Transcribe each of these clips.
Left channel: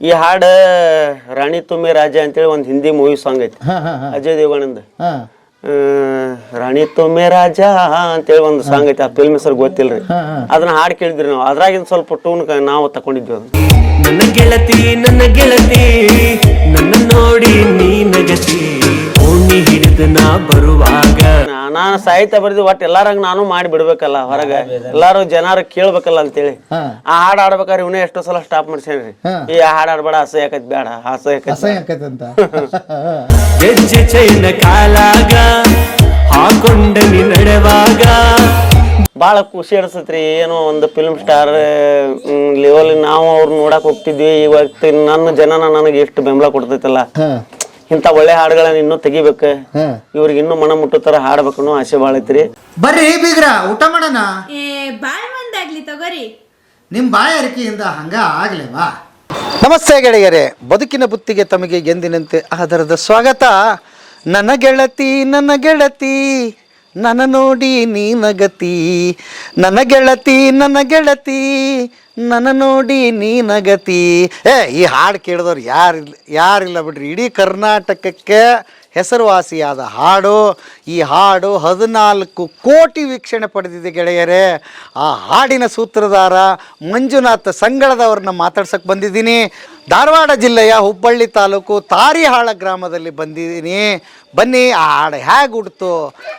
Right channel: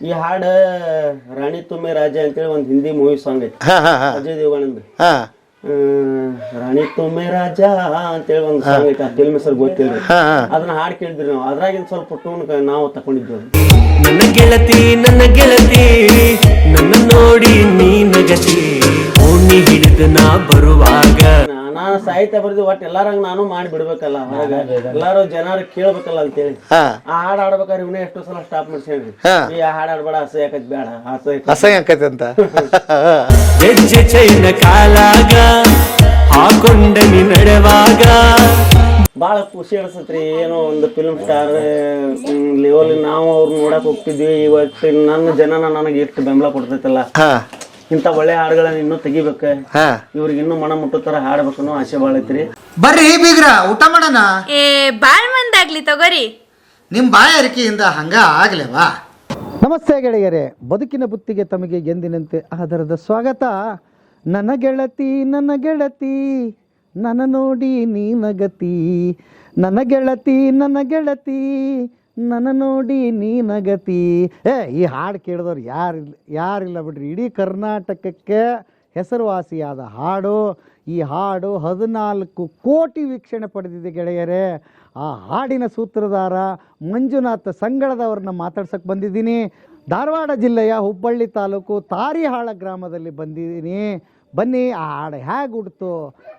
ಈ ಹಾಡು ರಾಣಿ ತುಮ್ಮಿ ರಾಜ ಅಂತೇಳಿ ಒಂದು ಹಿಂದಿ ಮೂವಿ ಸಾಂಗ್ ಐತಿ ಅಜಯ್ ದೇವಗಣಂದ. ರಾಣಿ ತುಮ್ಮಿ ರಾಜ ಅಂತೇಳಿ ಒಂದು ಸಾಂಗ್ ಐತಿ. ಆ ಫಿಲ್ಮ್ ಹೆಸರು ಗೊತ್ತಿಲ್ರಿ. ಅದನ್ನ ಹಾಡು ಕೇಳಿದ್ರಿ ನಾವು. ಅದ್ರಾಗಿಂದ ಸ್ವಲ್ಪ ಟೂನ್ ನಾವು ತಕೊಂಡಿದ್ವಿ. ನನ್ನ ಗೆಳತಿ ನನ್ನ ನೋಡಿ ನೀ ನಗತಿ ಓಣಿ ಹಿಡಿದು ನಾ ಬರುವಾಗ. ನಾನು ಸಾಹಿತ್ಯ ಬರ್ದಿ ಒಟ್ಟು ಎಲ್ಲಾರಂಗ ನಾನು ಮಾಡಿ ಬಿಡ್ಬೇಕಲ್ಲ ಹೊರಗ, ಎಲ್ಲಾರು ಜನರು ಕೇಳ್ಬೇಕಲ್ಲ ಅಂತೇಳಿ ಆ ಹಾಡು ಆಡ್ಬೇಕಾದ್ರೆ ಇವನೇ ಎಷ್ಟೋ ಸಲ ಸ್ಟಾಪ್ ಮಾಡ್ಸೇನ್ರಿ. ಈ ಹಾಡು ಆಡ್ಬೇಡ, ಅಸಹ್ಯ ಆಕೈತಿ, ಬೇಡ ಅಸಹ್ಯ ಆಕೈತಿ ಅಂತ. ಹೆಜ್ಜೆ ಚೈನ ಕಾಲಾಗ ಹಾಕೊಂಡ ನೀ ನಡೆವಾಗ ಭಾಳ ಖುಷಿ ಅನ್ಸತ್ರಿ. ಏನೋ ಒಂದು ಫಿಲ್ಮ್ ಸ್ಟಾರ್ ಲೆವೆಲ್ ನಾವು ಅವ್ರು ನೋಡಕ್ ಹೋಗ್ತಿದ್ವಿ. ಇವತ್ತು ನನ್ನ ಜನನ ನನಗೆ ಎಷ್ಟು ಬೆಂಬಲ ಕೊಡ್ತೈತಲ್ಲ. ಇಂಥ ಒಳ್ಳೆ ಹಾಡುಗಳನ್ನ ಇನ್ನೂ ತೆಗಿಬೇಕು, ಇವ್ರಿಗೆ ಇನ್ನೂ ಮನ ಮುಟ್ಟೋ ತರ ಹಾಡ್ಬೇಕು ಅನ್ನೋ ಆಸೆ ಭಾಳ ಐತ್ರಿ. ಬರ್ರಿ ಬೀಗ್ರ ಊಟ ಮಾಡೋಣ. ಬಾಳ್ ಮಂದಾಗ್ಲಿ ತಗೋರಿ. ನಿಮ್ಮ ಬಾಯಾರಿಕೆಯಿಂದ ಹಂಗ ಆಗ್ಲೇವಾ? ನಮಸ್ತೆ ಗೆಳೆಯರೇ, ಬದುಕಿನ ಬುತ್ತಿಗೆ ತಮಗೆ ಎಂದಿನಂತೆ ಆಧಾರದ ಸ್ವಾಗತ. ನನ್ನ ಗೆಳತಿ ನನ್ನ ನೋಡಿ ನೀ ನಗತಿ, ನನ್ನ ಗೆಳತಿ ನನ್ನ ನೋಡಿ ನೀ ನಗತಿ. ಈ ಹಾಡು ಕೇಳಿದವ್ರು ಯಾರಿಲ್ಲ ಬಿಡ್ರಿ. ಇಡೀ ಕರ್ನಾಟಕಕ್ಕೆ ಹೆಸರುವಾಸಿಯಾದ ಹಾಡು. ಈ ಹಾಡು 14 ಕೋಟಿ ವೀಕ್ಷಣೆ ಪಡೆದಿದೆ ಗೆಳೆಯರೇ. ಆ ಹಾಡಿನ ಸೂತ್ರಧಾರ ಮಂಜುನಾಥ್ ಸಂಗಳದವ್ರನ್ನ ಮಾತಾಡ್ಸಕ್ಕೆ ಬಂದಿದ್ದೀನಿ. ಧಾರವಾಡ ಜಿಲ್ಲೆಯ ಹುಬ್ಬಳ್ಳಿ ತಾಲೂಕು ತಾರಿಹಾಳ ಗ್ರಾಮದಲ್ಲಿ ಬಂದಿದ್ದೀನಿ. ಬನ್ನಿ, ಆ ಹಾಡು ಹೇಗೆ ಹುಡ್ತು,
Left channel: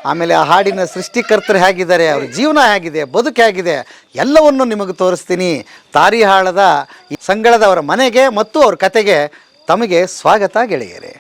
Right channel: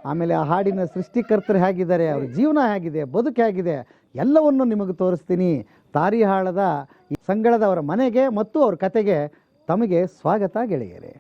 ಆಮೇಲೆ ಆ ಹಾಡಿನ ಸೃಷ್ಟಿಕರ್ತರು ಹೇಗಿದ್ದಾರೆ, ಅವ್ರ ಜೀವನ ಹೇಗಿದೆ, ಬದುಕು ಹೇಗಿದೆ, ಎಲ್ಲವನ್ನು ನಿಮಗೆ ತೋರಿಸ್ತೀನಿ. ತಾರಿಹಾಳದ ಈ ಸಂಗಳದವರ ಮನೆಗೆ ಮತ್ತು ಅವ್ರ ಕತೆಗೆ ತಮಗೆ ಸ್ವಾಗತ ಗೆಳೆಯರೇ.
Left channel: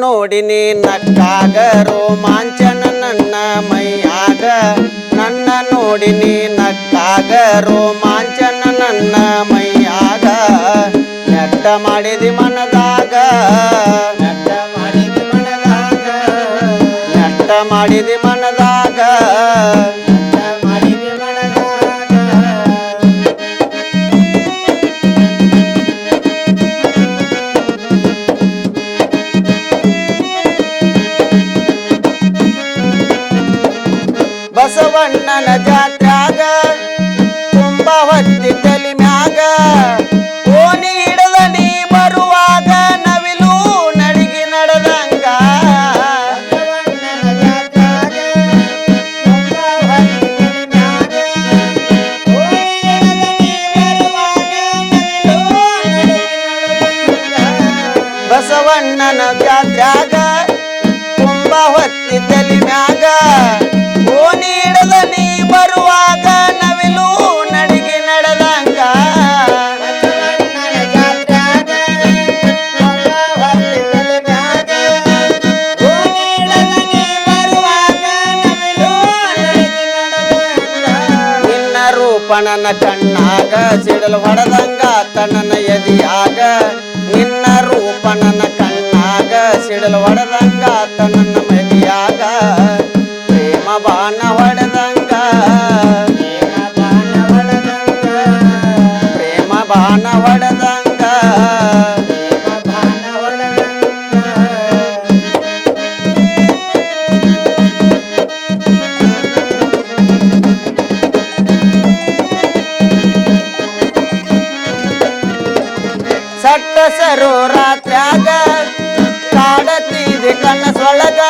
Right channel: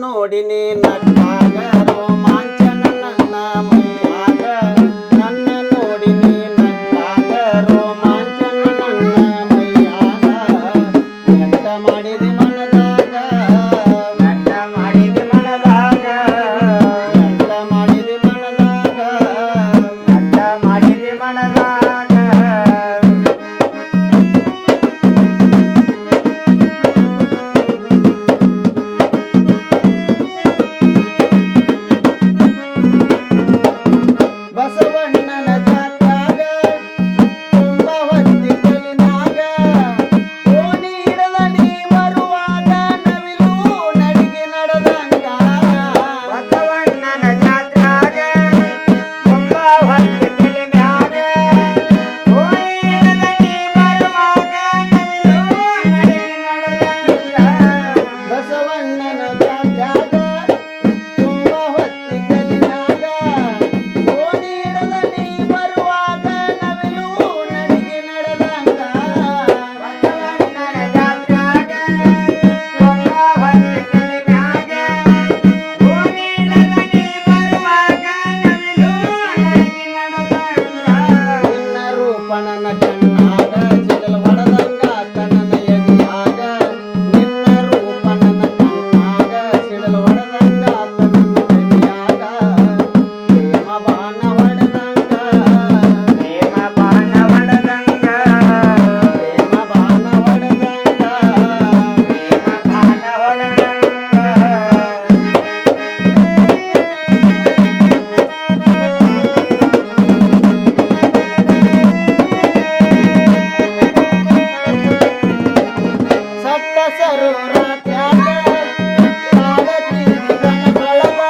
ನೋಡಿನಿ ನಕ್ಕಾಗ ರೋಮಾಂಚನ ನನ್ನ ಮೈಯಾಗ, ನನ್ನ ನೋಡಿನಿ ನಕ್ಕಾಗ ರೋಮಾಂಚನ ನನ್ನ ಮೈಯಾಗ. ನೆಟ್ಟ ಮಾಡಿದಿ ಮನದಾಗ, ನೆಟ್ಟ ಮಾಡಿದಿ ಮನದಾಗ, ನೆಟ್ಟ ಮಾಡಿದಿ ಮನದಾಗ, ನೆಟ್ಟ ಮಾಡಿದಿ ಮನದಾಗ. ಬಸವಣ್ಣನ ಜಾತ್ಯಾಗ ತುಂಬ ಹೊತ್ತಿ ತಲಿ ಮ್ಯಾಗ, ಓಣಿ ಹಿಡದ ನೀ ಬರುವಾಗ ನವಿಲು ನಡಿಗಿ ನಡೆದಂಗ. ಬಸವಣ್ಣನ ಜಾತ್ಯಾಗ ತುಂಬ ಹೊತ್ತಿ ತಲಿ ಮ್ಯಾಗ, ಓಣಿ ಹಿಡದ ನೀ ಬರುವಾಗ ನವಿಲು ನಡಿಗಿ ನಡೆದಂಗ. ಬಸವಣ್ಣನ ಜಾತ್ಯಾಗ ತುಂಬ ಹೊತ್ತಿ ತಲಿ ಮ್ಯಾಗ, ಓಣಿ ಹಿಡದ ನೀ ಬರುವಾಗ ನವಿಲು ನಡಿಗೆ ನಡೆದಂಗ. ನಿನ್ನ ರೂಪಣನ ಕಣ್ಣಾಗ ಸಿಡಲು ಹೊಡೆದಂಗ ಕಣ್ಣನ ಎದಿಯಾಗ, ನಿನ್ನ ರೂಪಣನ ಕಣ್ಣಾಗ ಸಿಡಲು ಹೊಡೆದಂಗ ಕಣ್ಣನ ಎದಿಯಾಗ. ಪ್ರೇಮ ಬಾಣ ಹೊಡೆದಂಗ, ಪ್ರೇಮ ಬಾಣ ಬೇಸರು ರಾತ್ರ್ಯಾಗ ಕಾಡತಿದೆ ಕನಸೊಳಗ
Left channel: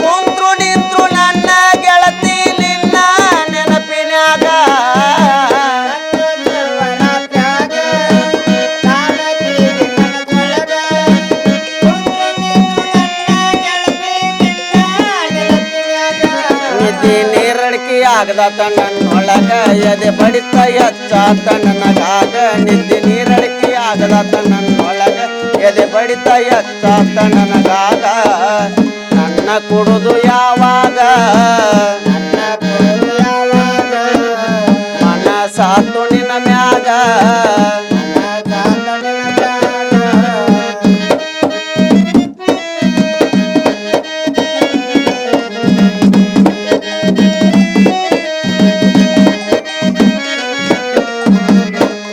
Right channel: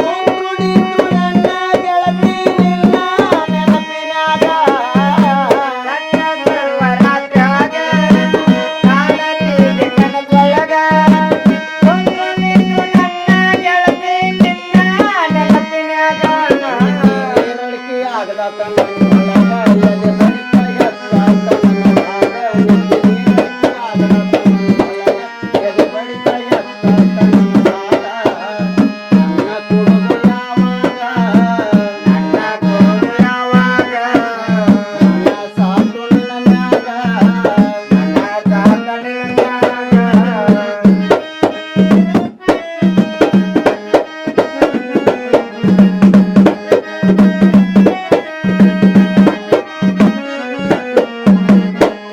ಕುಂತ್ರು ನಿಂತ್ರು ನನ್ನ ಗೆಳತಿ ನಿನ್ನ ನೆನಪಿನ್ಯಾಗ ನಿಧಿ ನೀರಡಿಕೆ ಆಗದ ನನ್ನೊಳಗ ಎದೆ ಬಡಿತ ಎಚ್ಚಾತ ನನಗಾಗ ನಿಧಿ ನೀರಡಿಕೆ ಆಗದ ನನ್ನೊಳಗ ಎದೆ ಬಡಿತ ಎಚ್ಚಾತ ನನಗಾಗ ನನ್ನ ಕೊಡುದು ಯಾವಾಗ ನನ್ನ ಸಾತು ನಿನ್ನ ಮ್ಯಾಗ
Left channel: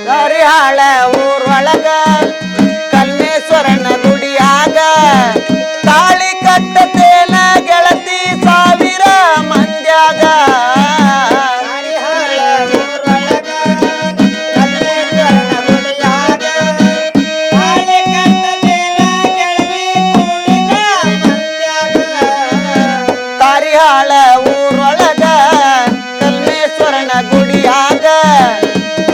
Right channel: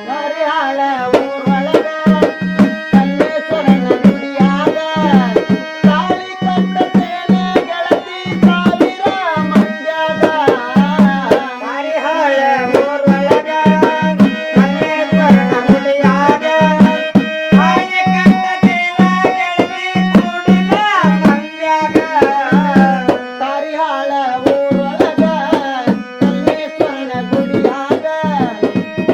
ಹರಿಹಾಳ ಊರೊಳಗ ಕಲ್ಮೇಶ್ವರನ ಗುಡಿಯಾಗ ತಾಳಿ ಕಟ್ಟತೇನ ಗೆಳತಿ ಸಾವಿರ ಮಂದ್ಯಾಗ ತಾರಿಹಾಳ ಊರೊಳಗ ಕಲ್ಮೇಶ್ವರನ ಗುಡಿಯಾಗ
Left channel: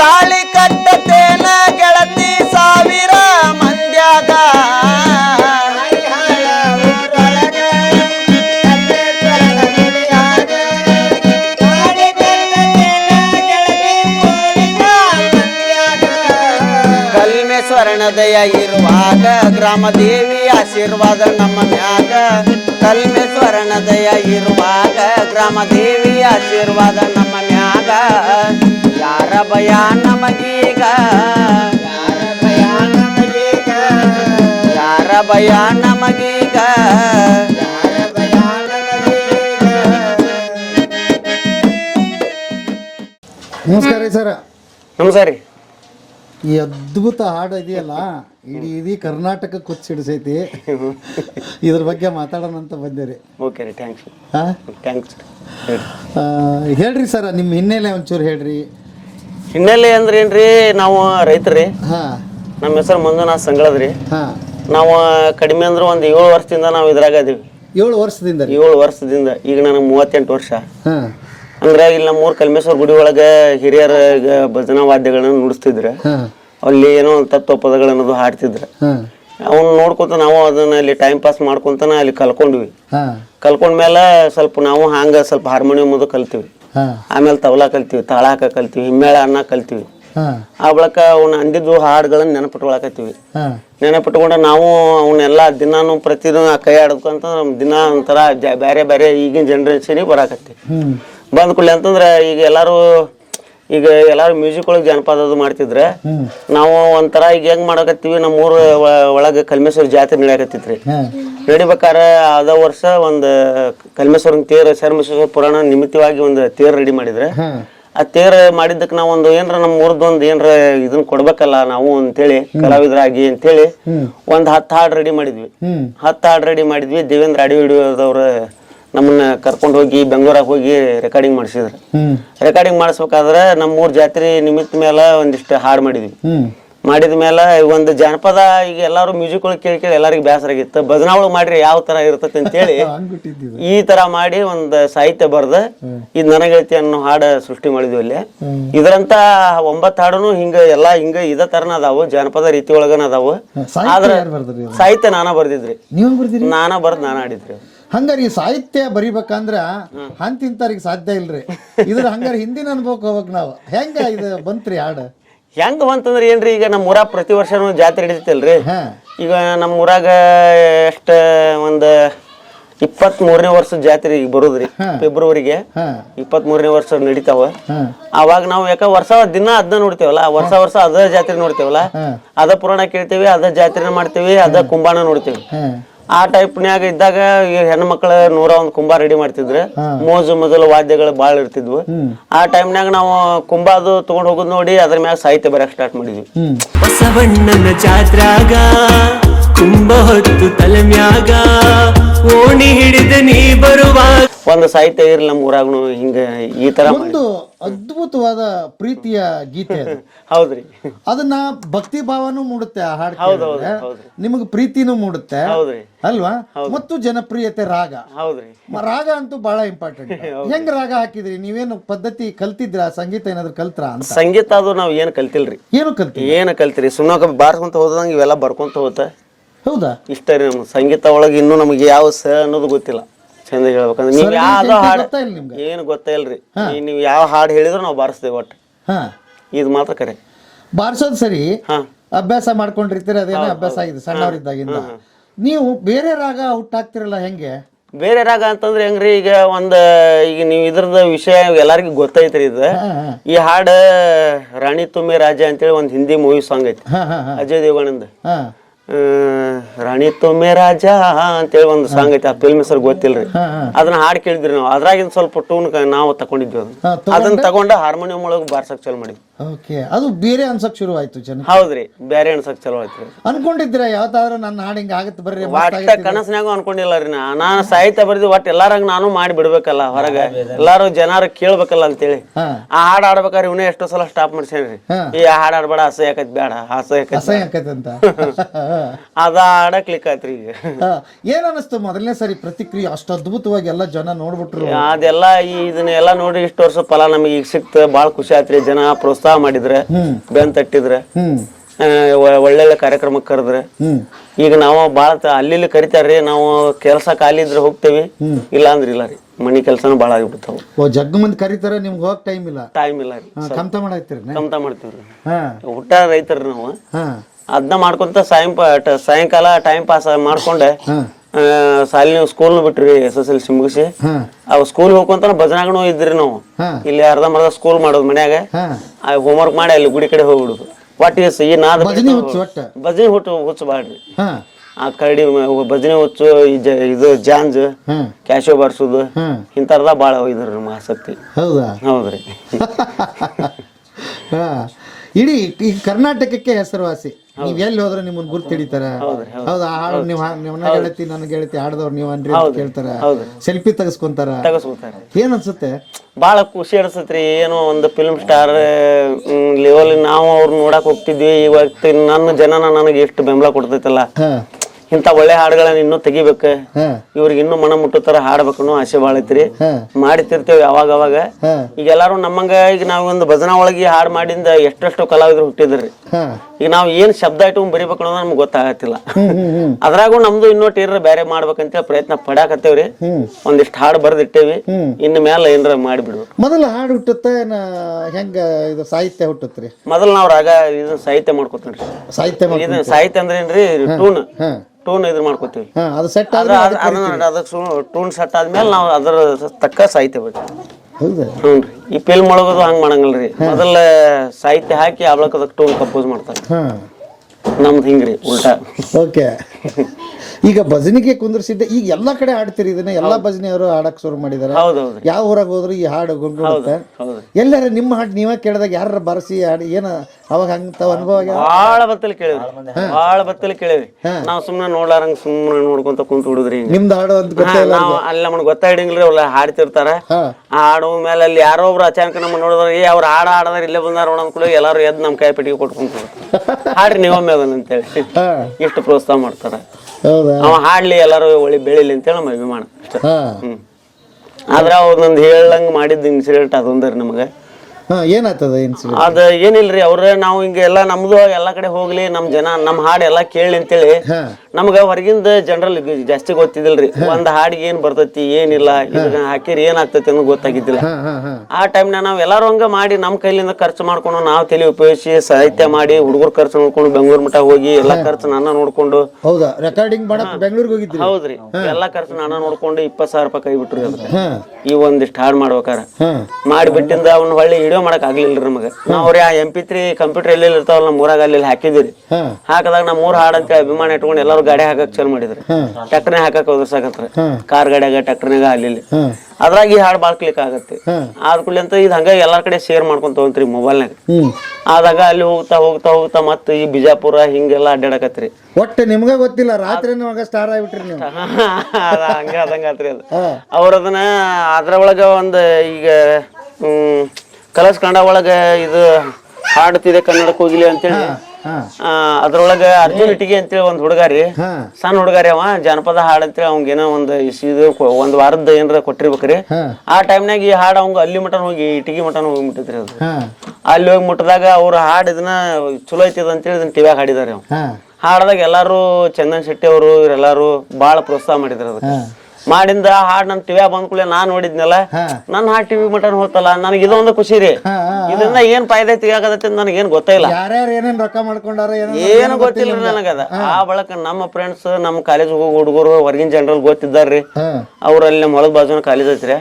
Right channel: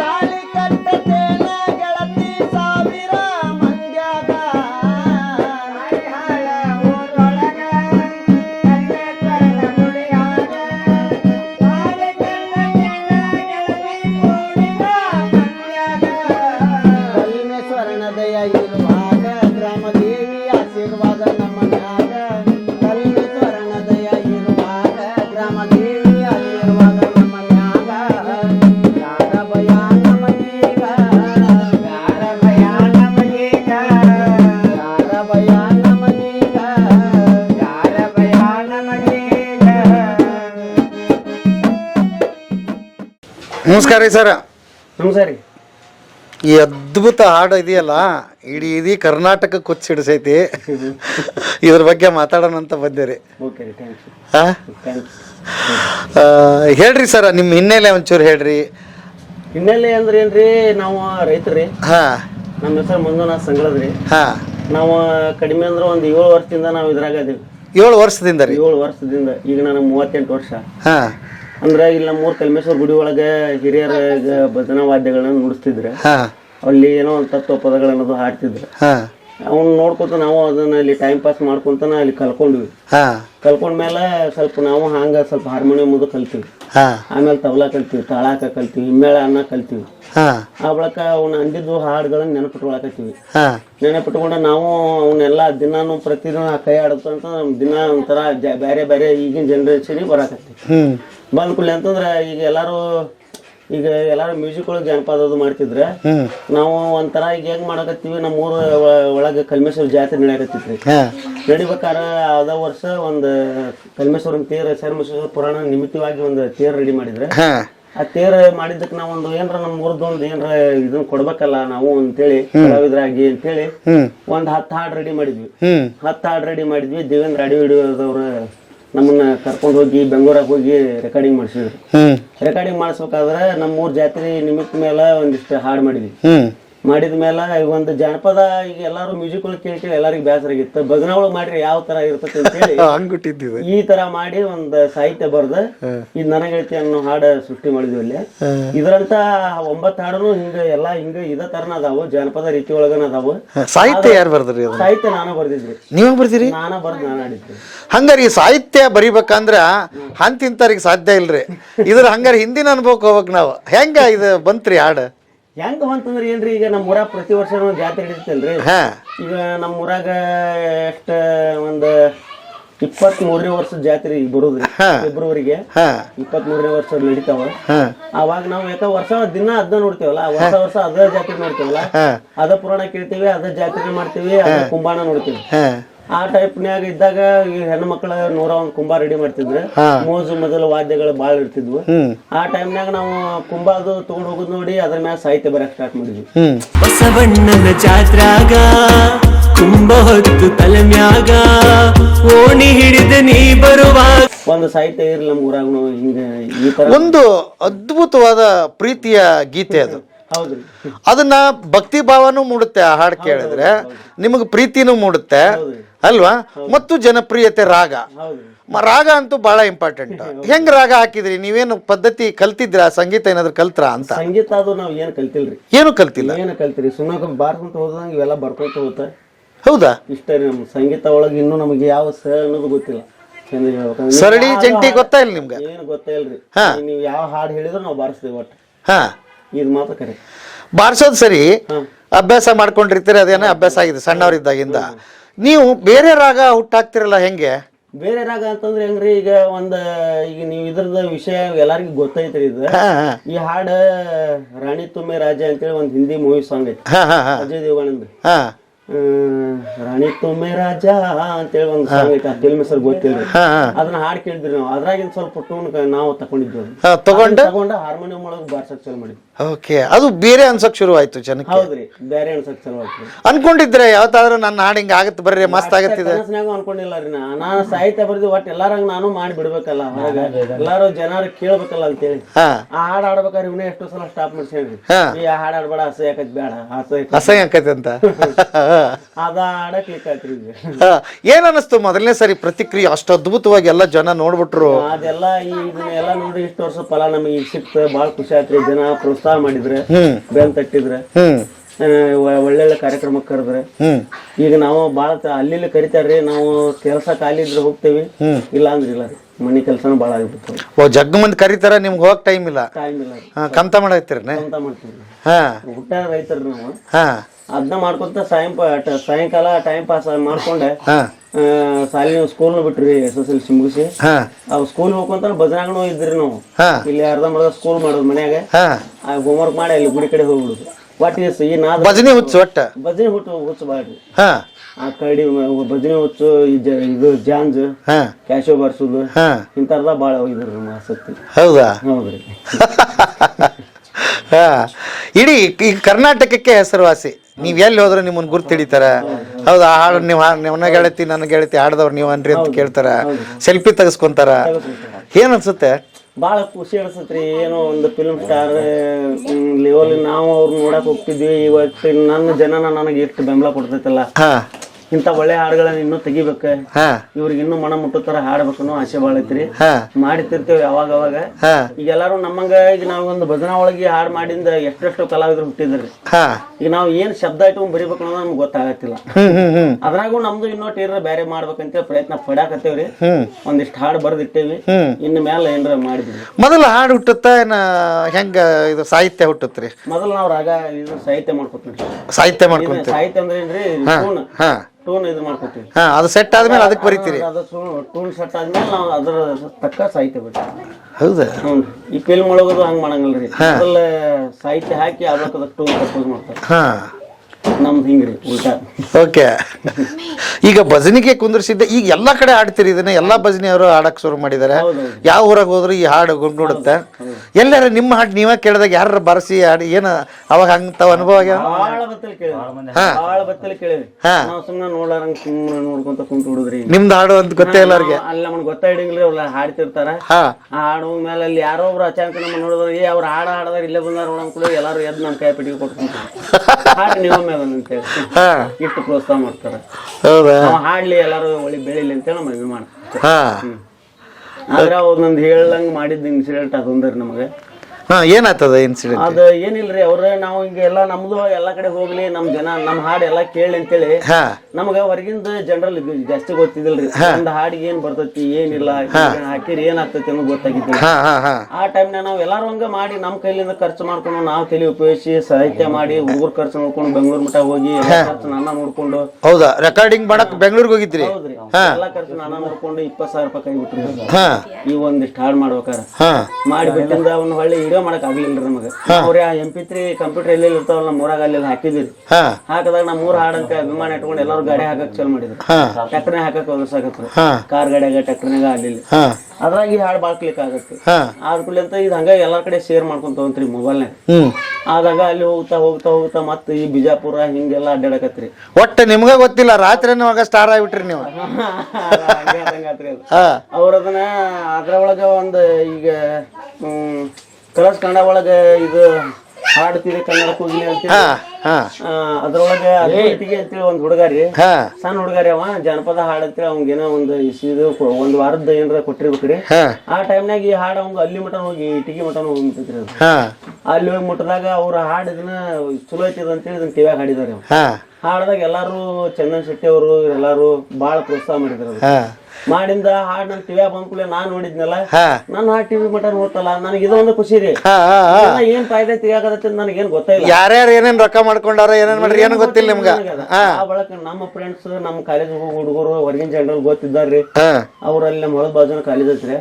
ತಾಳಿ ಕಟ್ಟತೇನ ಗೆಳತಿ ಸಾವಿರ ಮಂದ್ಯಾಗ ಕಲ್ಮೇಶ್ವರನ ದಯ ಇರುವಾಗ ಗ್ರಾಮ ದೇವಿ ಆಶೀರ್ವಾದ ನಮ್ಮ ಮ್ಯಾಗ ಕಲ್ಮೇಶ್ವರನ ದಯ ಇರುವಾಗ ಗ್ರಾಮ ದೇವಿ ಆಶೀರ್ವಾದ ನಮ್ಮ ಮ್ಯಾಗ ಯಾರ ಭಯ ನಮಗೀಗ ಯಾರ ಭಯ ನಮಗೀಗ ನಮಸ್ಕಾರ ರೀ ಸರ್. ನಮಸ್ಕಾರ ರೀ. ಈ ಅದ್ಭುತ ಹಾಡು ಇದೆಯಲ್ಲ ಇಡೀ ಕರ್ನಾಟಕಕ್ಕೆ ಹುಚ್ಚಿಡಿಸೈತಿ. ಇದ್ರ ಬಗ್ಗೆ ಮಾತಾಡೋಣ ಅಂತ ಬಂದೆ ರೀ. ಓಕೆ ರೀ, ಥ್ಯಾಂಕ್ಸ್ ಹಾಂ, ಥ್ಯಾಂಕ್ಸ್. ಹೇಳ್ರಿ ಸರ್, ನಿಮ್ಮ ಹಿನ್ನೆಲೆ ಒಂಚೂರು ಹೇಳ್ರಿ. ಹಿನ್ನೆಲೆ ಅಂದ್ರೆ ಏನ್ರಿ, ನಾವು ರೈತರಿ. ಹಾಂ ನಮ್ಮ ಹೆಸರು ಮಂಜುನಾಥ್ ಸಂಗಳದ್ರಿ. ಹಾಂ. ನಾವು ಕಡಿಮೆ ಅಂದ್ರೆ ಒಂದು 7 ವರ್ಷದಿಂದ ನಾವು ಇದ್ರಾಗ ಇದೀವಿ. 7 ವರ್ಷದಿಂದ ರೀ? 7 ವರ್ಷದಿಂದ. ಈಗ ನನಗೆ 38 ವರ್ಷ. ಹಾಂ. ಅಂದ್ರೆ ಇಲ್ಲಿ ನಮ್ಮ ಊರ್ ಕಲ್ಮೇಶ್ವರ ಗುಡಿ ಒಳಗೆ ಹಿರಿಯರ ಭಜನಾ ವಾದ್ಯಗಳನ್ನು ನುಡಿಸ್ತಿದ್ರೆ ಹಾಂ. ಅಲ್ಲಿ ಏನೋ ಒಂದು ತತ್ವ ಪದಗಳನ್ನೋದು ಹಾಡ್ತಿದ್ರು. ಹಾಂ. ಅವ್ನು ನೋಡ್ಕೊಂತ ನಾವು ಅದನ್ನ ಅಲ್ಲಿ ಟೈಮ್ ಪಾಸ್ ಮಾಡ್ಕೊಂತನ ಅಲ್ಲಿ ಕಲ್ಕೊಂಡ್ವಿ. ಹಾಂ. ಕಲ್ಕೊಂಡ್ಮೇಲೆ ಸ್ವಲ್ಪ ನಾವು ಹಂಗ ಸ್ವಲ್ಪ ಹಾರ್ಮೋನಿಯಂ ಅದು ಕಲ್ತೀವಿ. ಹಾಂ. ಆಮೇಲೆ ತಬಲಾ ಕಲ್ತೀವಿ, ತಾಳ ಹಾಕ ಕಲ್ತೀವಿ, ಹಿಮ್ಮೇಳ ಅನ್ನ ಕಲ್ತೀವಿ. ಹಾಂ. ಆ ಬಳಿಕ ಅವ್ನ ಅಂದಿದ್ದು ಹಾಡುಗಳನ್ನ ನೆನಪಿಟ್ಕೊಳಕತ್ತೀವಿ. ಹಾಂ. ನೆನಪಿಟ್ಕೊಂಡು ನಾವು ಅವನ್ನೆಲ್ಲ ದಿನಾನು ಪ್ರತಿದಿನ ಕೈ ಆಡ್ಕೊಂತ ನಮ್ ದಿನ ಒಂಥರ ಬೇರೆ ಬೇರೆ ಈಗಿನ ಜನ್ರೇಷನಿಗೆ ಬರಾಕತ್ತಿ. ಬಂದ್ ಕೂಡಲೇ ಅಂತಂದ್ರೆ ಈಗ ಎಲ್ಲಾರು ಮ್ಯೂಸಿಕ್ ಒಳಗೆ ಜನಪದ ಅದು ಮಾಡ್ತಿದ್ರೆ ನಾವು ಒಂಥರ ಈಗ ಹೆಂಗ್ ಮಾಡಕತ್ತೀವಿ, ನಮ್ಮ ಊರ ಒಳಗೆ ಕಲ್ಮೇಶ್ವರ ಜಾತ್ರೆ ನಡೆಯಕತ್ತಿತ್ರಿ. ನಡಿಬೇಕಾರ ಅದ ವರ್ಷ ಒಂದು ಕಲ್ಮೇಶ್ವರನ ತೇರ್ ಶರ್ಮೇಶ್ವರ ಪುರಾಣ ನಿಮಿತ್ತವಾಗಿ ಒಂದು ತೇರ್ ರೆಡಿ ಮಾಡಿದ್ರೆ, ಆ ತೇರ್ ಮಾಡಿದ್ದಕ್ಕೆ ನಾವು ಒಂದು ಏನ್ರ ನಮ್ಮ ಊರದೊಂದು ಏನ್ರ ಇದನ್ನ ಕೊಡ್ಬೇಕಲ್ಲ ನಾವು ಅಂತೇಳಿ ಕಲಾವಿದರಾಗಿ ಅಂತೇಳಿ ಒಂದ್ 10 ಹಾಡು ರೆಡಿ ಮಾಡಿದ್ವಿ. 10 ಹಾಡು ರೆಡಿ ಮಾಡಿದ್ವಿ. ದೇವೇಂದ್ರ ಆಡಿಯೋ ವಿಡಿಯೋದವ್ರು ನಮ್ಮನ್ನ ಕರ್ಕೊಂಡು ಹೋಗಿ ಬೆಂಗಳೂರಾಗ ಹೋಗಿ ರೆಕಾರ್ಡಿಂಗ್ ಮಾಡಿಸಿದ್ರು. ರೆಕಾರ್ಡಿಂಗ್ ಮಾಡಿಸ್ಬೇಕಾದ್ರೆ ನಮ್ಮ ಊರ್ ಜಾತ್ರೆ ನಿಮಿತ್ತ ಮೇಲೆ ಒಂದಿಷ್ಟು ಹಾಡು ಮಾಡಿದ್ವಿ. ಮಾಡಿದ ಮೇಲೆ ಒಂದು ಜಾನಪದ ಈಗ ಎಲ್ಲಾರು ಮ್ಯೂಸಿಕ್ ಒಳಗೆ ಕೇಳಿ ಎಲ್ಲರಿಗೂ ಬೇಸರ ಆಗಿತ್ತು. ಭಜನಾ ಒಳಗೆ ಮಾಡ್ರಿ ಯಾವ ತರ ಇರ್ತತಿ ಅಂತೇಳಿ ಈ ತರ ಮಾಡಿ ಒಂದು ಸಾಹಿತ್ಯ ಬರ್ದ ಇದು ನನಗೆಳತಿ ಅನ್ನೋ ಹಾಡು ಸೃಷ್ಟಿ ಮಾಡಿದ್ವಿ. ಅಲ್ಲಿ ಇದರಂತ 9 ಹಾಡುನು ಹಿಂಗ ಇದ ತರನ ಅದಾವು, ಜಾನಪದ ರೀತಿ ಒಳಗನ ಅದಾವು. ಸಾಹಿತ್ಯ ನಾನ ಬರ್ದಿದ್ರಿ. ನೀವು ಬರ್ದಿರಿ? ನಾನ ಬರ್ದ್ ನಾನ ಆಡಿದ್ರಿ. ಹಂಗಾರಿ ಸಾಹಿತ್ಯ ಬರಿಬೇಕಂದ್ರ ಹಂತಿಂತಾರಿಗೆ ಸಾಧ್ಯ ಇಲ್ರಿ. ಇದ್ರ ಹಂಗಾರಿ ಹಿಂದಿನ ಅನ್ಭವಕ್ಕೆ ಹೋಗ್ಬೇಕು ನಾವು. ಹೆಂಗ ಇದು ಬಂತ್ರಿ ಹಾಡು? ಹೆಂಗ ಬಂತಂದ್ರೆ ಏನ್ರಿ, ಈಗ ನಮ್ಮ ಊರಾಗ ಪ್ರತಿ ವರ್ಷನೂ ಜಾತ್ರೆ ಹಿಡಿತಲ್ರಿ. ಈಗ ನಮ್ಮ ಊರಾಗ ಎಷ್ಟ ಒಂದ್ 23ನೇ ವರ್ಷದ ಜಾತ್ರೆ ಈಗ ಬರುದ್ರಿ. ಫೆಬ್ರವರಿಗೆ 23ನೇ ವರ್ಷ ನಡೀತಾವ. ಅವಾಗ ನಾವು ಯಾಕ ವರ್ಷ ದಿನ ಅದನ್ನ ನೋಡ್ತೇವಲ್ಲ, ವರ್ಷ ಅದ ಜಾತ್ರೆ ನೋಡ್ತೇವಲ್ಲ, ಅದ ಪುರಾಣ ಕೇಳ್ತೇವಿ, ಅದ ಜಾತ್ರೆ ಮಾಡ್ತೇವಿ, ಅದ ಕುಂಭಾಣ ನೋಡ್ತೇವಿ. ಆ ಟೈಪ್ನ್ಯಾಗ ಇದ್ದಾಗ ಈ ಹೆಣ್ಮಕ್ಳ 101 ಕುಂಭ ರೆಡಿ ಮಾಡ್ತಿದ್ರು. ಮೋಜು ಮೊದಲು ವಾದ್ಯಗಳು ಬಾಳ ಇರ್ತಿದ್ವು. ಆ ಟೈಮ್ನಾಗ ನಾವು ಕುಂಭ ಅದು ತಗೊಂಡ್ ಹೋಗುದ್ ನೋಡಿ ಅದ್ರ ಮ್ಯಾಗ ಸಾಹಿತ್ಯ ಬರಕ್ ಸ್ಟಾರ್ಟ್ ಮಾಡಿದ್ವಿ. ಬಸವಣ್ಣನ ಜಾತ್ರಾಗ ತುಂಬ ಹೊತ್ತು ತಲೆ ಮ್ಯಾಗ ಓಣಿ ಹಿಡಿದ ನೀ ಬರುವಾಗ. ಒಂದು ಸಾಹಿತ್ಯ ಇರ್ಲಿ ನಮ್ಮ ಊರಾಗನು ಹಿಂಗ ಈ ತರ ಒಂದು ಅದ್ಭುತವಾದ ಪ್ರೀತಿಯ ಗೀತೆ ಅದು. ಹೌದ್ರಿ. ಅದನ್ನ ಭಕ್ತಿ ಭಾವನೂ ಮೂಡುತ್ತೆ ಆ ಹಾಡು ಕೇಳಿದ್ರೆ, ನಿಮಗೆ ಪ್ರೀತಿನೂ ಮೂಡುತ್ತೆ ಹೌದ್ರಿ ಅಲ್ವಾ, ಮತ್ತು ಜನಪ್ರಿಯತೆ. ರಾಗ ಹೌದ್ರಿ, ರಾಗ ಅಂತೂ ಬಹಳ ಇಂಪಾರ್ಟೆಂಟ್. ಹೆಂಗ್ ರಾಗ ಹಾಕಿದ್ರಿ ನೀವೇನು ಪದ್ಧತಿ ಕಲ್ತಿದ್ರ, ಸಂಗೀತ ಏನಾದ್ರು ಕಲ್ತ್ರ ಅಂತ? ಸಂಗೀತ ಅದು ನಾವ್ ಏನ್ ಕಲ್ತಿಲ್ರಿ. ಏನು ಕಲ್ತಿಲ್ಲ? ಏನ ಕಲ್ತಿರಿ, ಸುಮ್ಮನೆ ಬಾರ್ಕೊಂತ ಹೋದಂಗ ಇವೆಲ್ಲ ಬರ್ಕೊಂತ ಹೋತ. ಹೌದಾ? ಇಷ್ಟ ರೀ ನಮ್ಗೆ ಸಂಗೀತ ಒಳಗೆ ಇನ್ನೂ ನಮಗೆ ಯಾವ ಸ ಅನ್ನೋದು ಗೊತ್ತಿಲ್ಲ. ಚಂದ ಹೇಳ್ಬೇಕಂದ್ರೆ ಸರಳಿ ಜಂಟಿ ಗೊತ್ತಾ ಇಲ್ಲ ನಿಮ್ಗೆ? ಏನು ಗೊತ್ತಾ ಇಲ್ರಿ. ನೀವು ಯಾವ ಹಾಡು ಹೇಳಿದ್ರು ನಾವು ಬಾರಿಸ್ತೇವೆ ಒಟ್ಟು. ಹಾ, ಇದು ಮಾತ್ರ ಕರೆ. ಬಾರ್ಸೋದ್ ಸರಿ, ಅಭ್ಯಾಸ ಮಾಡ್ಕೊಂಡಿರ್ತೀರಿ, ಅದೇನೋ ಅಭ್ಯಾಸ ಆಗಿದೆ ಸಣ್ಣವ್ರಿದ್ದಾಗಿಂದ. ನೀವು ಬೇರೆ ರಾಗ ಹುಟ್ಟಾಕ್ತಿರಲ್ಲ, ಹೆಂಗೆ? ಬೇರೆ ರಾಗ ಅಂತಂದ್ರೆ ಹೆಂಗ್ರಿ, ಈಗ ಈಗ ನೀವು ಇದ್ರದ ವಿಷಯ ಎಲ್ಲರಿಗೂ ಗೊತ್ತೈತ್ರಿ. ಇದು ಈ ಹಾಡ ರಾಣಿ ತುಮ್ಮೆ ರಾಜ ಅಂತೇಳಿ ಒಂದು ಹಿಂದಿ ಮೂವಿ ಸಾಂಗ್ ಐತಿ, ಅಜಯ್ ದೇವಗಣಂದ್. ರಾಣಿ ತುಮ್ಮೆ ರಾಜ ಅಂತೇಳಿ ಒಂದು ಸಾಂಗ್ ಐತಿ. ಆ ಫಿಲ್ಮ್ ಹೆಸರು ಗೊತ್ತಿಲ್ರಿ. ಅದನ್ನ ಹಾಡು ಕೇಳಿದ್ರಿ ನಾವು. ಅದ್ರಾಗಿನ ಸ್ವಲ್ಪ ಟೂನ್ ನಾವು ತಗೊಂಡಿದ್ವಿ. ತಗೊಂಡ ಹಾರ್ಮೋನಿಯಂ ಒಳಗೆ ಬಾರ್ಸಕ್ ಚಾಲು ಮಾಡಿದ್ವಿ. ಓಕೆ, ಅದು ಬೇರೆ ಅನ್ಸಕ್ ಶುರು ಆಯ್ತು ಜನಕ್ಕೆ. ಹೌದ್ರಿ, ಬೇರೆ ಅನ್ಸಕ್ ಚಲೋ ಆಯ್ತು. ಅನ್ಕೊಂಡಿದ್ರೆ ಯಾವತ್ತಾದ್ರೂ ನನ್ನ ಹಾಡು ಹಿಂಗ ಆಗತ್ತೆ ಬರ್ರಿ, ಮಸ್ತ್ ಆಗತ್ತೆ? ಕನಸ್ನಾಗೂ ಅನ್ಕೊಂಡಿಲ್ಲ ರೀ. ನಾನು ಸಾಹಿತ್ಯ ಬರ್ದಿ ಒಟ್ಟು ಎಲ್ಲಾರಂಗ ನಾನು ಮಾಡಿ ಬಿಡ್ಬೇಕಲ್ಲ ಹೊರಗೆ, ಎಲ್ಲಾರು ಜನರು ಕೇಳ್ಬೇಕಲ್ಲ ಅಂತೇಳಿ ಆ ಹಾಡು ಆಡ್ಬೇಕಾದ್ರೆ ಇವನೇ ಎಷ್ಟೋ ಸಲ ಸ್ಟಾಪ್ ಮಾಡ್ಸೇನ್ರಿ. ಈ ಹಾಡು ಆಡ್ಬೇಡ, ಅಸಹ್ಯ ಆಕೈತಿ, ಬೇಡ ಅಸಹ್ಯ ಆಕೈತಿ ಅಂತ ಅದ ಹಾಡ ಕ್ಲಿಕ್ ಆಯ್ತ್ರಿ. ಈಗ ಏನ್ ಅನಿಸ್ತು ಮೊದಲನೇ ಸರಿ ಪ್ರತಿಕ್ರಿಯೆ? ಅಷ್ಟು ಅದ್ಭುತವಾಗಿ ಎಲ್ಲ ಜನ ನೋಡ್ಬಿಟ್ರು. ಅದೆಲ್ಲ ಇದನ್ನೆಲ್ಲ ನೋಡಿ ಇಷ್ಟು ವರ್ಷ ಫಲ ನಮಗೆ ಈಗ ಸಿಕ್ತ, ಬಾಳ ಖುಷಿ ಆಯ್ತ್ರಿ. ಜನ ಪ್ರೋತ್ಸಾಹ ಮಾಡಿದ್ರೆ, ಬೆನ್ ತಟ್ಟಿದ್ರೆ, ಒಳ್ಳೊಳ್ಳೆ ಕಾರ್ಯಕ್ರಮಕ್ಕೆ ಕರೆದ್ರೆ. ಈಗ ನಾವು ಬಾಳ ಅಲ್ಲಿ ಕರಿತಾರ್ರಿ. ನಾವು ಕೆಲಸ ಖಾಲಿ ಇದ್ರೆ ಹೋಗ್ತೇವಿ, ಇಲ್ಲ ಅಂದ್ರೆ ಇಲ್ಲ ರೀ. ಮನಿ ಕೆಲ್ಸನೂ ಬಾಳ ಆಗಿಬಿಡ್ತಾವ. ಓ, ಜಗ್ ಮಂದಿ ಕರಿತಾರ, ನಿಮ್ಗೆ ಹೋಗಕ್ ಟೈಮ್ ಇಲ್ಲ? ಟೈಮ್ ಇಲ್ಲ ರೀ. ಕಮ್ತ ಮಾಡತ್ತೀರಿ? ಕಮ್ತ ಮಾಡ್ತೀವ್ರಿ. ಊಟ ರೈತರ್ರಿ ನಾವು. ಅದನ್ನ ಮಾಡ್ಕೊಂತ ಸಾಯಂಕಾಲ ಟೈಮ್ ಪಾಸ್ ಮಾಡ್ಕೊಂಡೆ ಸಾಲಿನ ಸ್ಕೂಲ್ ಬಿಟ್ರಿ. SSLC ಮುಗಿಸಿ ಅವ್ ಸ್ಕೂಲ್ ಹೋಗ್ಕೊಂತ ಭಜನಾಗನು ಇದ್ರಿ ನಾವು. ಇಲ್ಲಿ ಅರ್ಧಂಬರ್ಧ ಸ್ಕೂಲ್ ಮಾಡೋದು ಮನ್ಯಾಗ, ಹೋಮ್ವರ್ಕ್ ಮಾಡಿ ಅಲ್ಲಿ ಗುಡಿ ಕಡೆ ಹೋಗ್ಬಿಡುದು. ಒಟ್ಟು ಈ ನಾದ ಭಜನೆ ಹುಚ್ಚು, ಒಟ್ಟ ಭಜನೆ ಹುಚ್ಚು ಬಾಡ್ರಿ. ಆ ಕರಡಿ ಭಜನೆ ಹುಚ್ಚು, ಇದು ಜಾಂಜ್, ಕ್ಯಾಶೋ ಬಾರ್ಸುದು, ಇಂಥರ್ದ ಬಾಳ ಇದ್ರಿ ನಮ್ಗೆ ಆಸಕ್ತಿ. ಹೌದಾ? ಹೌದ್ರಿ. ಇಡೀ ಈ ಕರ್ನಾಟಕಕ್ಕೆ ಹೆಸರುವಾಸಿ. ನೀವ್ ಎಲ್ಲಿ ಹೋದ್ರೆ ನಿಮ್ಮನ್ನ ಗುರ್ತು ಹಿಡಿತಾರ. ಹೌದಾ? ಆ ಹಾಡು ನೀವು ನನ್ನ ಗೆಳತಿ ನನ್ನ ಗೆಳತಿ ಹಾಡ್ದವ್ರು ನೀವು ಅನ್ರಿ ಅಂತ ಕೇಳ್ತಾರ, ಸೆಲ್ಫಿ ತೆಗೆಸ್ಕೊಂತಾರ. ಏನ್ ಅನ್ಸುತ್ತೆ? ಬಾಳ ಖುಷಿ ಅನ್ಸತ್ರಿ. ಏನೋ ಒಂದು ಫಿಲ್ಮ್ ಸ್ಟಾರ್ ಲೆವೆಲ್ ನಾವು ಅವ್ರ ನೋಡಕ್ ಹೋಗ್ತಿದ್ವಿ. ಇವಾಗ ನನ್ನ ಜನನ ನನಗೆ ಎಷ್ಟು ಬೆಂಬಲ ಕೊಡ್ತೈತಲ್ಲ. ಇಂತ ಒಳ್ಳೆ ಹಾಡುಗಳನ್ನ ಇನ್ನೂ ತೆಗಿಬೇಕು, ಇವ್ರಿಗೆ ಇನ್ನೂ ಮನ ಮುಟ್ಟೋ ತರ ಹಾಡ್ಬೇಕು ಅನ್ನೋ ಆಸೆ ಬಾಳ ಐತ್ರಿ. ಮಾಡಿತಿರ್ತೇವೆ ಅವಾಗ ಅವಾಗ. ಈಗ ಎಲ್ಲಾರು ನಮ್ಮಂಗ ಈಗ ನಾವ್ ಒಂದು ಭಜನಾ ಒಳಗೆ ಹಾಡು ಮಾಡಿಂದ ಎಷ್ಟೆಷ್ಟೋ ಕಲಾವಿದ್ರು ಹುಟ್ಟಿದ್ರಿ. ಈಗ ನಾವ್ ಏನ್ ಶಬ್ದ ಇಟ್ಕೊಂಡ್ ಬರಿಬೇಕು ಅನ್ನೋದು ನಮ್ಗೆ ಗೊತ್ತಾಗತ್ತಿಲ್ಲ. ಅದ್ರಾಗೂ ನಮ್ದು ಇನ್ನೂ ಟೇರ ಬೇರೆ ಮಾಡ್ಬೇಕಂತ ಪ್ರಯತ್ನ ಪಡಾಕತ್ತೇವ್ರಿ. ಒಂದಿಷ್ಟು ಹಾಡು ಬರ್ದಿಟ್ಟೇವಿ, ಇನ್ನು ಮೇಲೆ ಏನ್ರ ಮಾಡಿಬಿಡ್ವಿ. ಮೊದಲ ಹಾಡು ಹುಟ್ಟುತ್ತ ಹೆಂಗ ಇದು ಸಾಹಿತ್ಯ ಹುಟ್ಟುತ್ರಿ? ಮೊದಲು ನಾವ್ ರಾಗ ಇದು ಸಾಹಿತ್ಯ ಮಾಡ್ಕೊತೀವಿ. ಸಾಹಿತ್ಯ ಅಂದ್ರೆ ಏನ್ರಿ? ಟೂನ್ ಇದು ಮಾಡ್ಕೊತೀವಿ. ಅದು ಸೆಟ್ ಆದ್ಮೇಲೆ ಅದಕ್ಕೆ ಬರೀತೀವಿ. ಟೂನ್ ಸೆಟ್ ಆದ್ಮೇಲೆ ನಾವು ಅದರ ತಕ್ಕ ಸಾಹಿತ್ಯ ಬರ್ತೀವಿ. ಹೌದಾ? ಈ ಫಿಲ್ಮ್ ಒಳಗದು ಹಂಗ್ ಮಾಡಂಗಲ್ರಿ. ಮೊದಲ ಸಾಹಿತ್ಯ ಹಾಕಿ ಆಬ್ಲಕ್ ಅದಕ್ಕೆ ಟೂನ್ ಕಂಪೋಸ್ ಮಾಡ್ತಾರೆ. ನಮ್ದು ಹಿಂಗ್ರಿ ಉಲ್ಟಾ. ಓಕೆ. ಈಗ ಭಜನಿಗೆ ಕುಂದ್ರಿಸಿದ್ದೆ, ಈಗ ಎಲ್ಲಾ ಕಡೆ ಹಾಡ್ತೀರಿ ಇದನ್ನ, ಎಲ್ಲಾ ಭಜನಿ ಅವರು ಹಾಡಕ್ ಶುರು ಮಾಡಿದಾರೆ. ಯಾವ ಊರಾಗ ಹೋದ್ರು ಈ ಹಾಡು ಗುಂಡುಡುತ್ತೆ. ಎಲ್ಲಾರ ನಿಮ್ಮ ಹಾಡು ನೀವೇ ಕೇಳಿದಾಗ ಯಾರ ಬಾರಿಸಿ ಹಾಡಿ ಏನ ಅವಾಗ ಹಂಗ ಅನುಭವ ಆಗ್ಯಾವ? ಬಾಳ ಬತ್ತಲಿ ಕೇಳಿವಿ. ನಾವ್ ಸುಮ್ನೆ ನೋಡ್ಲಾರಂಗ ಸುಮ್ನೆ ನೋಡ್ಕೊಂತ ಕುಂತ ಬಿಡುದ್ರಿ. ನಿಮ್ದು ಹಾಡು ಅಂತ ಗೊತ್ತೇ ಇಲ್ಲ ಅವ್ರಿಗೆ? ಅಲ್ಲ, ನಮ್ಗೆ ಗೊತ್ತಾಗಿಂಗ್ರಿ. ಅವ್ರ ಹಾಡ್ತಿರ್ತಾರ. ಹಾಡು ಮೇಲೆ ಅಲ್ಲಿ ಯಾರೋ ಒಬ್ರು ಅಚಾನಕ ನಮ್ಮ ನೋಡಿದ್ರ ಅವ್ರ ಹಾಡ ಹಾಡದಾರ ಇಲ್ಲೇ ಬಂದಾರ ನೋಡಂದ್ಕೂಡ ಎಲ್ಲಾರು ಎದ್ ನಮ್ ಕೈ ಪೆಟ್ಟಿಗೆ ಕೊಟ್ಕೊಂತ ಹಾಡ್ರಿ ನೀವೊಮ್ಮೆ ಅಂತೇಳಿ ಎಷ್ಟು ಪ್ರೋತ್ಸಾಹ ಮಾಡ್ತಾರ. ನಾವ್ ಹಾಡ್ಲಿ ಎಲ್ಲಾರು ಒಳ್ಳೆ ಬೆಳಿಲಿ ಅಂತೇಳಿ ನಮ್ಮ ಅಭಿಮಾನ. ಆದ್ರ ಅವ್ರೊಂದ್ ಹೇಳಂಗ್ ಮಾಡಿದ್ ಇನ್ಸಿಡೆಂಟ್ ಅದೊಂದ್ರಿ ನಮಗ. ಏನಾಗ್ತದ ಇನ್ಸಿಡೆಂಟ್? ಅದ ಏನಿಲ್ರಿ, ಅವ್ರ ನಾವು ಹಿಂಗ ಎಲ್ಲಾ ನಮ್ದು ಎಲ್ಲಾ ಕಡೆ ಹೋಗ್ಲಿ, ನಮ್ ಜನ ನಮ್ ಹಾಡ್ ಎಲ್ಲಾ ಕೇಳಿ ಅಂತೇಳಿ ನಮ್ಗ ಹೊರಗಿಂದ ಜನರಲ್ ಜಾಸ್ತಿ ಗೊತ್ತಿದಿಲ್ರಿ. ಒಂದ್ ಹಾಡಿಗೆ ಏನ್ ಬರ್ತೈತಿ ಏನಿಲ್ಲ, ಹಾಕಿರಿ ಏನ್ ಆಗ್ತೈತಿ ಅನ್ನೋದು ಗೊತ್ತಾಗಿದ್ದಿಲ್ಲ. ಆ ಟೈಮ್ನ ನಾವ್ ಎಲ್ಲಾರು ಹಂಗ ಮಾಡಿ ನಮ್ ಕೈಲಿಂದ ಖರ್ಚು ಮಾಡ್ಕೊಂಡು ನಾವ್ ತಲೆ ಉಪಯೋಗಿಸಿ ಸಾಹಿತ್ಯ ಮಾಡಿ ಹುಡುಗರ್ ಖರ್ಚು ನೋಡ್ಕೊಂಡು ಬೆಂಗಳೂರು ಮಠ ಹೋಗಿ ಎಲ್ಲಾ ಖರ್ಚು ನನ್ನ ನೋಡ್ಕೊಂಡು. ಹೌದಾ? ರೆಕಾರ್ಡಿಂಗ್ ಮಾಡಕ್ ಬೆಂಗಳೂರಿಗೆ ಹೋಗಿದ್ರಿ? ಹೌದ್ರಿ. ಎಲ್ಲಾ ಖರ್ಚು ನಾನ ನೋಡ್ಕೊಂಡು 20,000 ರೂಪಾಯಿ ಕೈ ಬಿಟ್ರಿ. ಈ ಒಂದಿಷ್ಟು ಹಾಡ್ ಮಾಡ್ಬೇಕಾರ ಮಾಡಿಬಿಟ್ಟಿಂದ ಅವ್ನ ಹೊಳ್ಳಿ ವಿಡಿಯೋ ಮಾಡಕ್ ಆಗ್ಲಿಲ್ರಿ ನಮಗೆ ಅವ್ರ MP3 ಕಂಪ್ಯೂಟರ್ ಎಲ್ಲೆಲ್ಲಿ ಇರ್ತಾವಲ್ಲ ನಮ್ಮ ಊರಾಗ ಅಲ್ಲಿ ಹಾಕಿದ್ರಿ ಹಾಕದಾಗ ನಮ್ಮ ಊರ್ ಹಾಡ್ ಅಂತ ಅಭಿಮಾನ ಇಟ್ಕೊಂಡು ಎಲ್ಲರೂ ಗಾಡಿ ಹಾಕಕ್ ಚಾಲು ಮಾಡಿದ್ರು ಟ್ರ್ಯಾಕ್ಟರ್ನೇ ಹಾಕಕ್ ಹೋದ್ರಸಾಕತ್ರಿ ಕಾರ್ ಗಾಡಿಯಾಗ ಟ್ರ್ಯಾಕ್ಟರ್ನಾಗ ಅಲ್ಲಿ ಅದ್ರಾಗ ಈ ಹಾಡ್ ಬಾಳ್ ಕ್ಲಿಕ್ ಆಗತ್ತೆ ಆದ ಕೂಡಲೇ ಅಂತ ಇದು ಹಂಗ ಎಲ್ಲಾರ್ ಕಡೆ ಶೇರ್ ಮಾಡ್ಕೊಂತ ಹೋಗ್ತೀರಿ ಮೊಬೈಲ್ನಾಗ ಆದಾಗ ಅಲ್ಲಿ ಹೋಗ್ತಾ ಹೋಗ್ತಾ ಹೋಗ್ತಾ ಮತ್ತ ಈ ಬಿಜಾಪುರ ಹಿಂಗೆಲ್ಲ ಅಡ್ಡಾಡಕತ್ರಿ ಒಟ್ಟು ನಿಮ್ಗ ಗೊತ್ತಿಲ್ಲ ರಾತ್ರಿ ಸ್ಟಾರ್ ಆಗ್ಬಿಟ್ರಿ ನೀವು ಹಂಗಾತ್ರಿ ಅದು ಅವ್ರ ಅದನ್ನ ಅದ್ರ ಒಳಗ ಒಂದ್ ಈಗ ಕಲರ್ಸ್ ಕನ್ನಡ ಒಳಗ ಇದು ಹಾಡ್ತಿದೆ ಕನ್ನಡಕ್ಕೆ ಹೋಗಿಲಿ ಅಂತೇಳಿ ಅದ್ರೊಳಗ ಅರ್ಜುನಿಟಿಗೆ ಅಂತೇಳಿ ಒಂದ್ ಹುಡುಗಾರಿ ಸಣ್ಣ ಹುಡುಗಾರಿ ಅವ ಜಾನಪದ ಹಾಡ್ ಅಂತೇಳಿ ಅವಂಗೇನೋ ಒಂದ್ ವಾರದ ಏನಾರ ಕೊಟ್ಟಿರ್ಬೇಕ್ರಿ ಆ ಟೈಮ್ನಾಗ ಈ ಹಾಡ್ ಅವಂಗ ಅಲ್ಲಿ ಮಟನ್ ಹೋಗಿ ಇಟಿಗಿ ಮಟನ್ ಹೋಗಿ ಮುಟ್ಟಿದ್ರಿ ಅದು ಅಲ್ಲಿ ಹೋಗಿ ಮುಟ್ಟದಾಗ ಅವ್ರ ಹಾಡ್ ಇದನ್ನ ಚಲೋ ಐತಿದ ಅಂತೇಳಿ ಇದನ್ನ ಟಿವ್ಯಾಗ ಹಾಡಿದಾರೆ ಅವ್ ಹಾಡ್ದಾಗ ಎಲ್ಲಾರು ಚಂದನ್ ಶೆಟ್ಟಿ ಅವರು ಇವರೆಲ್ಲಾರು ಬಾಳ ಪ್ರೋತ್ಸಾಹ ಮಾಡಿದ್ರು ಅದು ಮಾಡಿಂದ ಹಾಡ್ ನನ್ ಟಿವ್ಯಾಗ ಬಂದ್ ಕೂಡಲೇ ನಾನ್ ನೋಡಿದ್ನಲ್ಲ ನನ್ ಹಾಡ್ ಟಿವಿ ಮಟನ್ ಹೋತಲ್ಲ ನನಗೆ ಇದೊಂದು ಖುಷಿ ರೀ ಏನ್ ಫಾಯ್ದೆ ತೆಗಿಯಾಕತ್ತ ನನಗೇನ್ ಗೊತ್ತಿಲ್ಲ ಯಾರ್ಯಾರು ಏನೇನ್ ರೊಕ್ಕ ಮಾಡ್ಕೊಂಡಾರ ಏನೇನ್ ಗೊತ್ತಿಲ್ಲ ನನಗದ ಆ ಬಳಕ ನಮ್ಮ ಫ್ರೆಂಡ್ಸ್ ನಮ್ಮ ಕಾಲೇಜ್ ಹೋಗೋ ಹುಡುಗರು ಹೊರಗಿನ ಜನರಲ್ ಗೊತ್ತಿದ್ದಾರ್ರಿ ಅವ್ರಲ್ಲಿ ನಮ್ಮ ಹೊಳದ ಬಾಜುನ ಕಾಲೇಜ್ ಐತ್ರಿ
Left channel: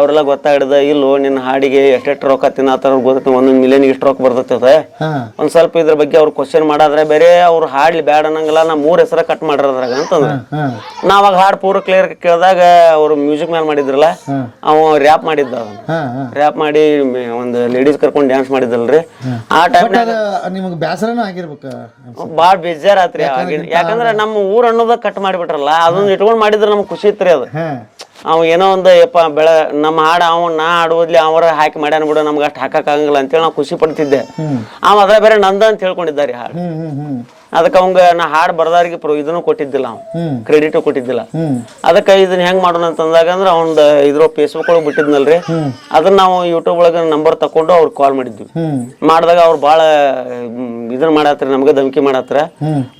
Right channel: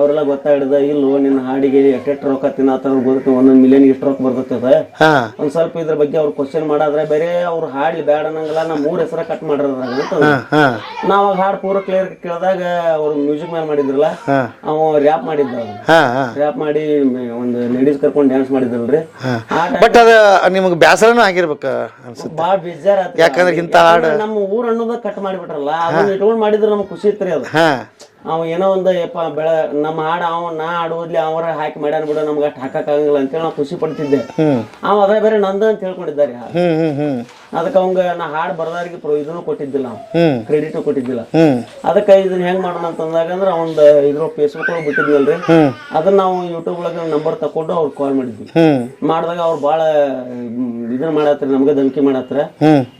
ಅವ್ರೆಲ್ಲ ಗೊತ್ತಾಗಿಡ್ದ ಇಲ್ಲೋ ನಿನ್ನ ಹಾಡಿಗೆ ಎಷ್ಟೆಷ್ಟು ರೊಕ್ಕ ತಿನ್ನತ್ತಾರ ಗೊತ್ತ 1 ಮಿಲಿಯನ್ ಇಷ್ಟು ರೊಕ್ಕ ಬರ್ತೈತೆ ಒಂದ್ ಸ್ವಲ್ಪ ಇದ್ರ ಬಗ್ಗೆ ಅವ್ರು ಕ್ವಶನ್ ಮಾಡಾದ್ರೆ ಬೇರೆ ಅವ್ರು ಹಾಡ್ಲಿ ಬ್ಯಾಡ ಅನ್ನಂಗಿಲ್ಲ ನಾ 3 ಹೆಸರ ಕಟ್ ಮಾಡಿರೋದ್ರಾಗ ಅಂತಂದ್ರ ನಾವಾಗ ಹಾಡ್ ಪೂರ ಕ್ಲಿಯರ್ ಕೇಳ್ದಾಗ ಅವ್ರು ಮ್ಯೂಸಿಕ್ ಮ್ಯಾನ್ ಮಾಡಿದ್ರಲ್ಲ ಅವ ರ್ಯಾಪ್ ಮಾಡಿದ್ದ ರ್ಯಾಪ್ ಮಾಡಿ ಒಂದು ಲೇಡೀಸ್ ಕರ್ಕೊಂಡ್ ಡ್ಯಾನ್ಸ್ ಮಾಡಿದ್ರಲ್ರಿ ಆ ಬಟ್ ಅದ ನಿಮ್ಗೆ ಬ್ಯಾಸರನೂ ಆಗಿರ್ಬೇಕ ಬಾಳ್ ಬೇಜಾರಾತ್ರಿ ಯಾಕಂದ್ರೆ ನಮ್ಮ ಊರ್ ಅನ್ನೋದ ಕಟ್ ಮಾಡಿಬಿಟ್ರಲ್ಲ ಅದೊಂದು ಇಟ್ಕೊಂಡ್ ಮಾಡಿದ್ರ ನಮ್ಗೆ ಖುಷಿ ಇತ್ರಿ ಅದು ಅವ್ ಏನೋ ಒಂದು ಯಪ್ಪ ನಮ್ಮ ಹಾಡು ನಾ ಹಾಡುವುದ್ಲಿ ಅವರ ಹಾಕಿ ಮಾಡ್ಯಾನ ಬಿಡು ನಮ್ಗೆ ಅಷ್ಟು ಹಾಕಕ್ ಆಗಂಗಿಲ್ಲ ಅಂತೇಳಿ ನಾವು ಖುಷಿ ಪಡ್ತಿದ್ದೆ ಅವ ಅದ ಬೇರೆ ನಂದ ಅಂತ ಹೇಳ್ಕೊಂಡಿದ್ದಾರೆ ಹಾಡು ಅದಕ್ಕೆ ಅವಂಗ ನಾ ಹಾಡು ಬರ್ದಾರಿಗೆ ಇದನ್ನು ಕೊಟ್ಟಿದ್ದಿಲ್ಲ ಅವ್ ಕ್ರೆಡಿಟ್ ಕೊಟ್ಟಿದ್ದಿಲ್ಲ ಅದಕ್ಕೆ ಇದನ್ನ ಹೆಂಗ್ ಮಾಡೋಣ ಅಂತಂದಾಗ ಅಂದ್ರೆ ಅವ್ನ ಇದ್ರ ಫೇಸ್ಬುಕ್ ಒಳಗೆ ಬಿಟ್ಟಿದ್ನಲ್ರಿ ಅದನ್ನ ನಾವು ಯೂಟ್ಯೂಬ್ ಒಳಗೆ ನಂಬರ್ ತಕೊಂಡು ಅವ್ರಿಗೆ ಕಾಲ್ ಮಾಡಿದ್ವಿ ಮಾಡಿದಾಗ ಅವ್ರು ಬಾಳ ಇದನ್ನ ಮಾಡತ್ರ ನಮ್ಗೆ ಧಮಕಿ ಮಾಡತ್ರ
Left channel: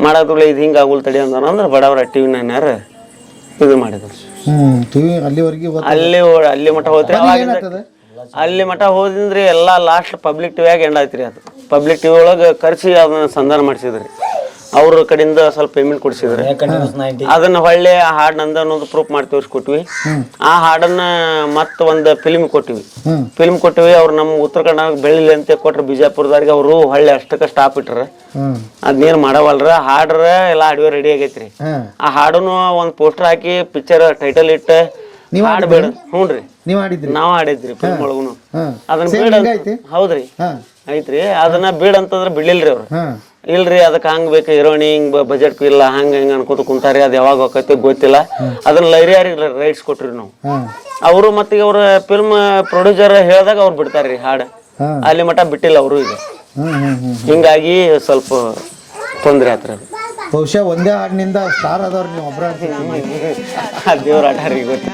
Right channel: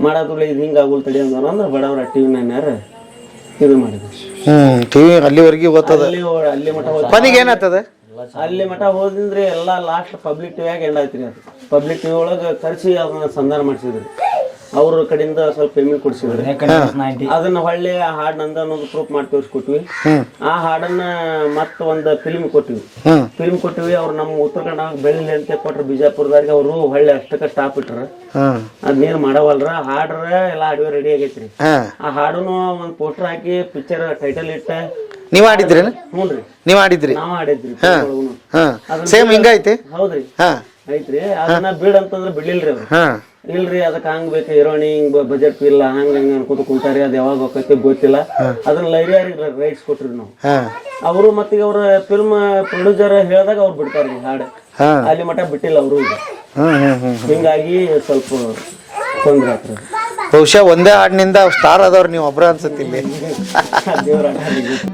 ಮಾಡಾದ್ರಲ್ಲ ಇದು ಹಿಂಗ ಆಗುಲ್ ತಡಿ ಅಂದ್ರೆ ಬಡವ್ರ ಟಿವಿ ನಾನ್ಯಾರ ಇದು ಮಾಡಿದ್ರು ಅಲ್ಲಿವರೆಗೆ ಅಲ್ಲಿ ಮಠ ಹೋಗ್ತೀವಿ ಅಲ್ಲಿ ಮಠ ಹೋದಿಂದ್ರಿ ಎಲ್ಲಾ ಲಾಸ್ಟ್ ಪಬ್ಲಿಕ್ ಟಿವಿಯಾಗ ಎಂಡ್ ಆಯ್ತ್ರಿ ಅದು ಪಬ್ಲಿಕ್ ಟಿವಿ ಒಳಗ ಕರ್ಸಿ ಅದನ್ನ ಸಂಧಾನ ಮಾಡಿಸಿದ್ರಿ ಅವ್ರ ಕಡೆಯಿಂದ ಸ್ವಲ್ಪ ಪೇಮೆಂಟ್ ಕೊಡ್ಸಿದ್ರಿ ಅದನ್ನ ಹೊಳ್ಳಿ ಆ ಹಾಡ್ ನಂದ ಅನ್ನೋದು ಪ್ರೂಫ್ ಮಾಡಿ ತೋರಿಸ್ಕೊಟ್ವಿ ಆ ಹಾಡನ್ನ ಮತ್ತ ಒಂದ್ ಫಿಲ್ಮ್ ಕೊಟ್ಟಿವಿ ಅವ್ರು ನಮ್ಮ ಉತ್ತರ ಕನ್ನಡ ಬೆಳಿಲಿ ಅಂತ ಕೊಟ್ರ ಬಿಜಾಪುರದವ್ರಿಗೆ ಅವರು ಹೊಳ್ಳಿ ಅಷ್ಟಕ್ಕ ಸ್ಟಾಪ್ ಇಟ್ರ ಅದ್ನೇನ್ ಮಾಡವಲ್ರ ಹಾಡ್ರ ಎಲ್ಲಾ ಅಡ್ವೆ ರೆಡಿ ಆಗೈತ್ರಿ ಆ ಹಾಡುನು ಒಂದ್ ಪೋಸ್ಟರ್ ಹಾಕಿ ಪಿಕ್ಚರ್ ಟೈಟಲ್ ಇಟ್ಟ ನೀವ್ ಆಡಿದ್ರಿ ಹ್ಞೂನ್ರಿ ನೀವ್ ಆಡಿದ್ರಿ ನಾವ್ ಆಡಿದ್ರಿ ಹೌದ್ರಿ ಐತ್ರಿ ಅದನ್ನ ಬೀಡ್ ಅಂತಂದ್ರ ಬಿಡ್ಲಿಲ್ರಿ ಅವ್ರು ಇಲ್ರಿ ಅದಕ್ಕೆ ಹಂಗ್ ಬೇಕು ಹೀರೋಣಿ ಹಿಂಗ್ ಬಜೆಟ್ ಇಲ್ಲ ಹಂಗ ಹಿಂಗ ಅನ್ಕೋತ ಕುಂತಾರಿ ಅದ್ ಯಾವಾಗ ಹೋಗೈತಿ ಗೊತ್ತಿಲ್ಲ ಅದನ್ನ ಲೈರಿಯಾರಿಗೆ ರೈಟ್ಸ್ ಕೊಟ್ರಿ ನಾವು ಅವರು ಮತ್ತೆ ಅವ್ರ ಫಿಲ್ಮ್ ಪ್ರೊಡ್ಯೂಸರ್ ಹೇಳ್ದಾಗ ಅವ್ರು ಬಿಡ್ತಾರ್ರಿ ಹಾಡ್ ಅಲ್ಲಿ ಮಠ ಬಿಟ್ಟಿಲ್ಲ ಅವರು ಈಗ ಹಿಂಗಾಗಿ ಸ್ವಲ್ಪ ತೊಂದ್ರೆ ಆತ್ರ ಬಹುಶಃ ಒಂದೇ ಹಾಡಿನಿಂದ ಸ್ಟಾರ್ ಆದವ್ರು ನೀವು ಒಬ್ರ ಅನ್ಸುತ್ತೀನಿ ದೇವ್ರ ಆಟ